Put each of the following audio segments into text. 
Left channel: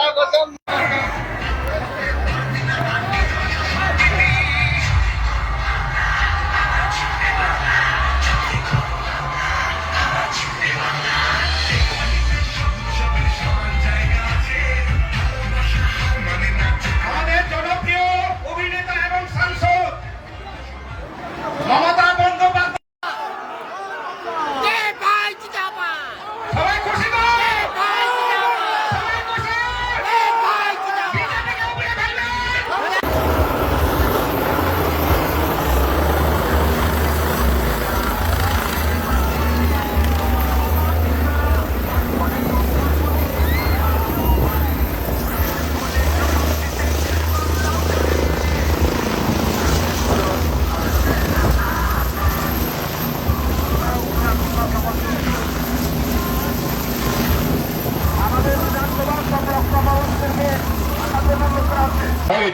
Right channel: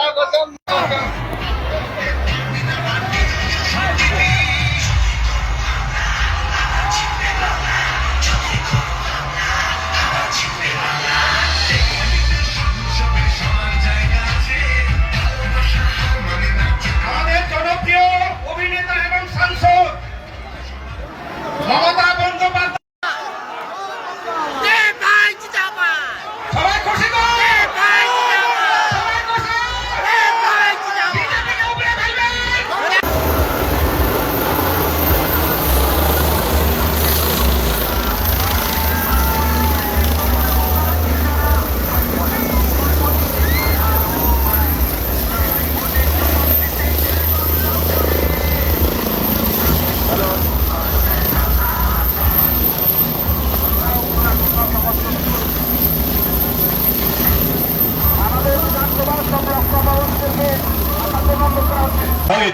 স্বাগতম। আমাদের জনপ্রিয় অভিনেতা এবং সাংসদ মমতা বন্দ্যোপাধ্যায় সবাই খুশি তো? সবাই খুশি? বিজেপিকে উপরে ফেলবে?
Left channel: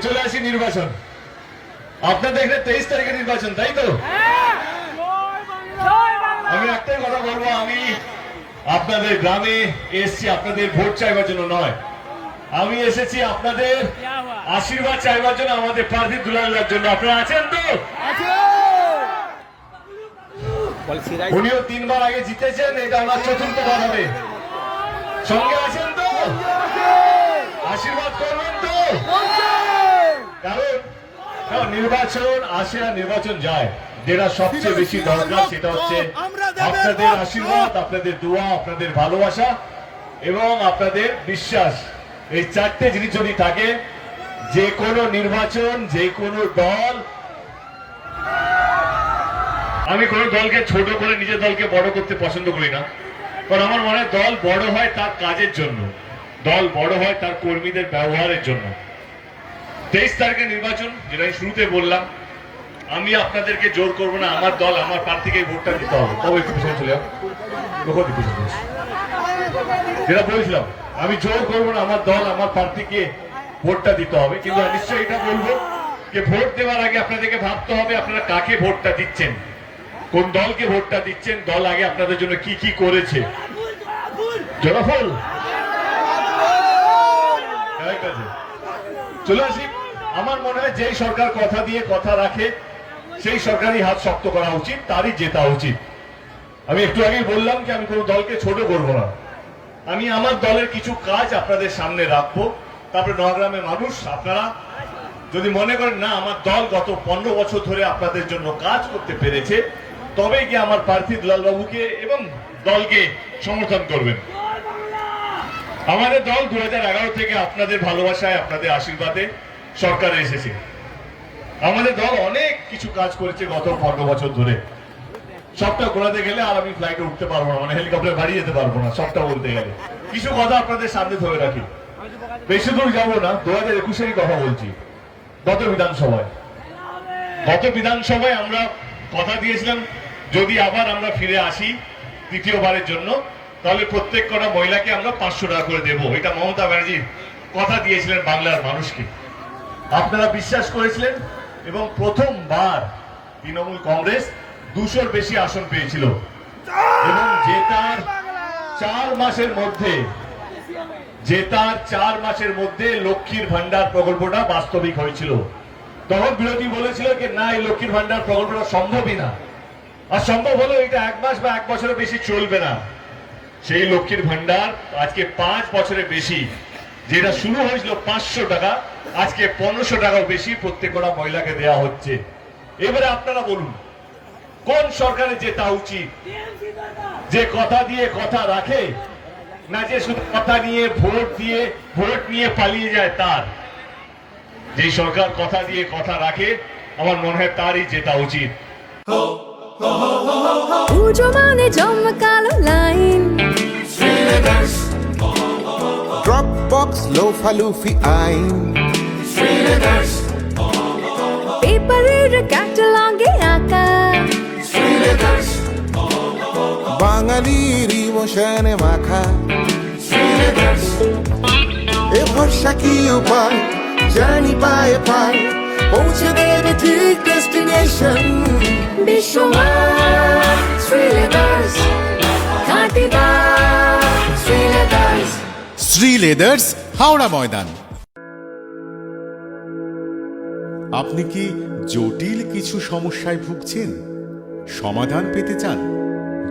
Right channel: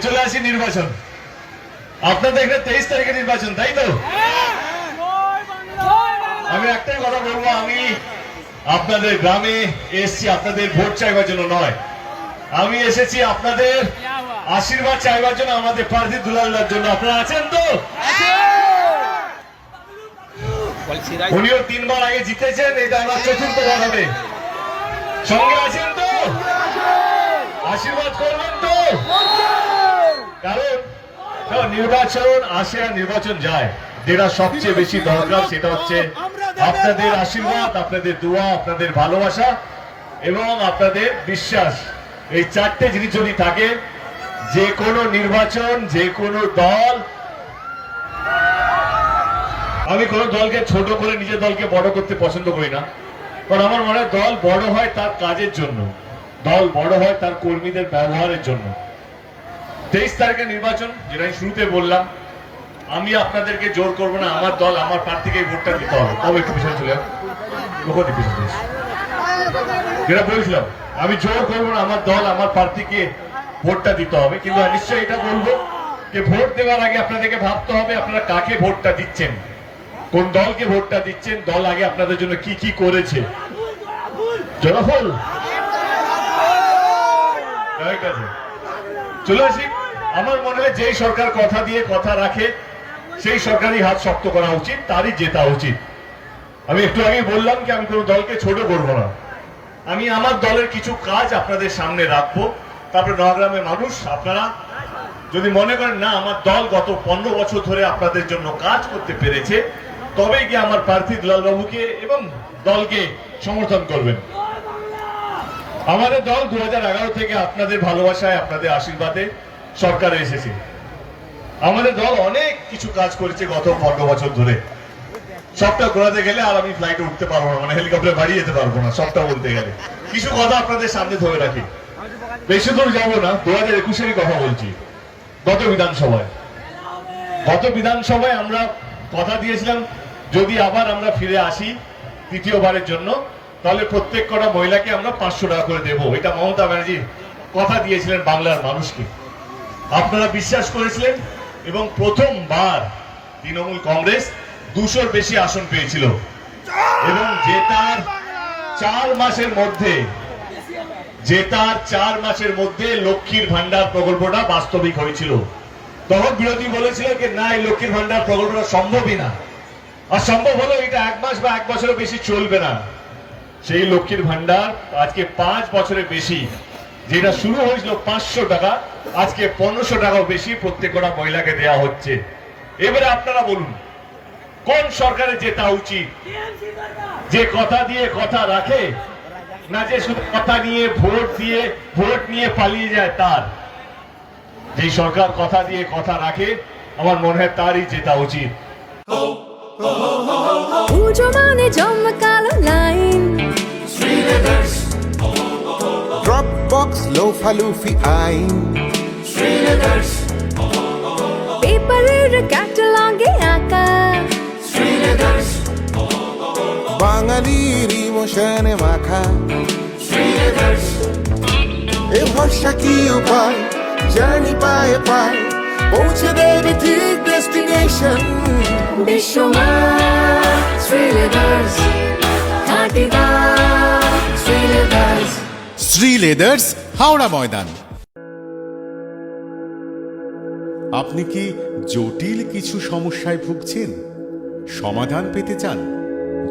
চলে আসি নির্বাচন। আপনাদের এখানে 23 তারিখে নির্বাচন, তাই তো? আমি একটাই কথা বলবো, আমি আপনাদের গ্রামে এসেছি আপনাদের ভোট চাইবার জন্য নয়, আমি এসেছি আপনাদের আশীর্বাদ চাইবার জন্য, আমাদের প্রার্থী দুলালের জন্য। আপনারা আছেন তো? উনিও 3 বার আগে জিতেছেন, এটা আমার 4র্থ বার হবে। সঙ্গে আছেন তো? আশীর্বাদ করবেন তো? কারণ নির্বাচন আসে আর নির্বাচন যায়, যেটা সবচেয়ে বেশি দরকার সেটা হচ্ছে আপনাদের আশীর্বাদ, আপনাদের দোয়া, আপনাদের ভালোবাসা এবং আপনাদের বিশ্বাস। এই 4টে জিনিস যদি থাকে, যে কোনো নির্বাচন, যে কোনো দল, আমি কোনো দলকে ছোট করে নিজের দলকে বড় করতে পছন্দ করি না, কারণ আমার মনে হয় দল বড় হয় তার কাজের জন্য, দল বড় হয় তার কর্মীদের ব্যবহারের জন্য। 23 তারিখে নির্বাচন, যেটা আমি শুরুতে বললাম, আমি আপনাদেরকে জোর করবো না, আমার দল আমার প্রার্থীকে ভোটটা দিতে হবে। তবে একটু পিছনে চলে যেটা বলছিলাম, আমি জোর করবো না, আমার দল আমার প্রার্থীকে ভোটটা দিতে হবে। কিন্তু নিশ্চয়ই এটা বলবো যে ভোট দেওয়ার আগে আপনাদেরকে ভাবতে হবে আপনারা কাকে ভোটটা দিচ্ছেন, কোন দলকে ভোটটা দিচ্ছেন, দল আগে আপনাদের জন্য কি কি করেছে। জনফল চলে আসি। আমার মনে হয় যেই সরকার কথা দিয়ে কথা রাখে সেই সরকারই হাত শক্ত করা উচিত, তারই জেতা উচিত। আমি একটু আগেই বললাম কি আমি কোনো দলকে ছোট করবো না, আমি আমার দলের কিছু কাজ আপনাদের সামনে রাখবো। তারপরে নয়াগ্রামের মানুষ, আপনারা যদি মনে করেন না আমার দল গত 15 বছর ধরে আপনাদের জন্য কাজ করতে পেরেছে, তবেই কি আমার প্রার্থী দুলালবাবুকে এবং দলকে সমর্থন করবেন। আমাদের দল 2011 থেকে আপনাদের ভালোবাসায়, আপনাদের আশীর্বাদে সরকারে এসেছে। আমাদের দল অনেক কিছু কাজ করেছে গত 15 বছর ধরে। সবটা ঘোরাতে গেলে আর আমি ফ্লাইটে উঠতে পারবো না, মানে হেলিকপ্টার বাড়ি যেতে পারবো না সবটা বলতে গেলে। কিছু কথা আপনাদের সামনে ধরে রাখি, বেশি দূর যাবো না। 2021-এরই কথা বলছি। গত বিধানসভায় আমরা কথা দিয়েছিলাম যদি আবার আমরা ফিরে আসি তৃতীয়বারের জন্য, তাহলে প্রত্যেক কটা মহিলাকে আমরা 500 টাকা করে দেবো। এটা মমতা ব্যানার্জি কথা দিয়েছিলেন বাংলার মানুষকে, আপনারা বিশ্বাস করেছিলেন এবং প্রথমবার তৃণমূল কংগ্রেস 200-র বেশি আসন পেয়েছিল এবং জেতার 4 মাসের মধ্যে লক্ষ্মীর ভান্ডার প্রকল্পটা বাস্তবিক হয়েছিল। তখন বিরোধী বলেছিল যে না, এই লক্ষ্মীর ভান্ডার প্রকল্পটা সম্ভবই না, আর সম্ভব হলেও এটা 1 মাস বা 1 বছরের বেশি চলবে না। সেই লক্ষ্মীর ভান্ডার আজকে 5 বছরের বেশি, যেটা শুরু হয়েছিল 500 টাকা, আজকে 1500 টাকাও বেশি প্রত্যেকটা মহিলাকে দেওয়া হচ্ছে। এবারে আপনারা বলুন কোন সরকারে জেতা উচিত, যে কথা দিয়ে কথা রাখে, না যে শুধু কথা নিয়ে ভোট নিয়ে পালিয়ে যায় তার। যে সরকার কথা দিয়ে কথা রাখে, আমার মনে হয় তারই জেতা উচিত। পুজো মানে জমকালো লাইন, ড্রপ বক্স লোফা লুফি আইন, পেপারের ক্যাটালগে আঁকা, বাঙালির ইমোশনে মাখা। এ ভরসা কি উপায়, জার্নি পায়ে পায় পৌঁছে দেবে ঠিক ডেস্টিনেশন। বিশ্বমান শ্রীলেদার্স, শ্রী লেদার্স হাওড়া ময়দান। আপনি কি জটিল কিছু সমস্যায় ভুগছেন, সমাধান পেতে চান?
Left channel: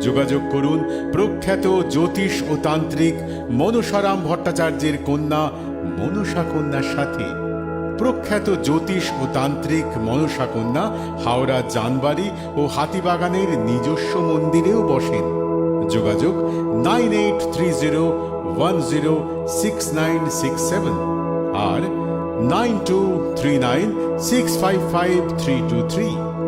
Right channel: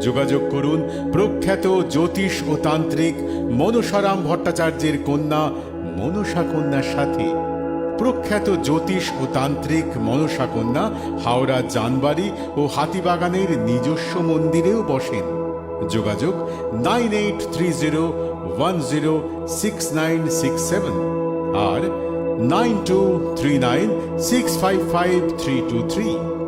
যোগাযোগ করুন প্রখ্যাত জ্যোতিষ ও তান্ত্রিক মনসারাম ভট্টাচার্যের কন্যা মনসা কন্যার সাথে। প্রখ্যাত জ্যোতিষ ও তান্ত্রিক মনসা কন্যা হাওড়া জানবাড়ি ও হাতিবাগানের নিজস্ব মন্দিরেও বসেন। যোগাযোগ 9830106967 আর 9239655323।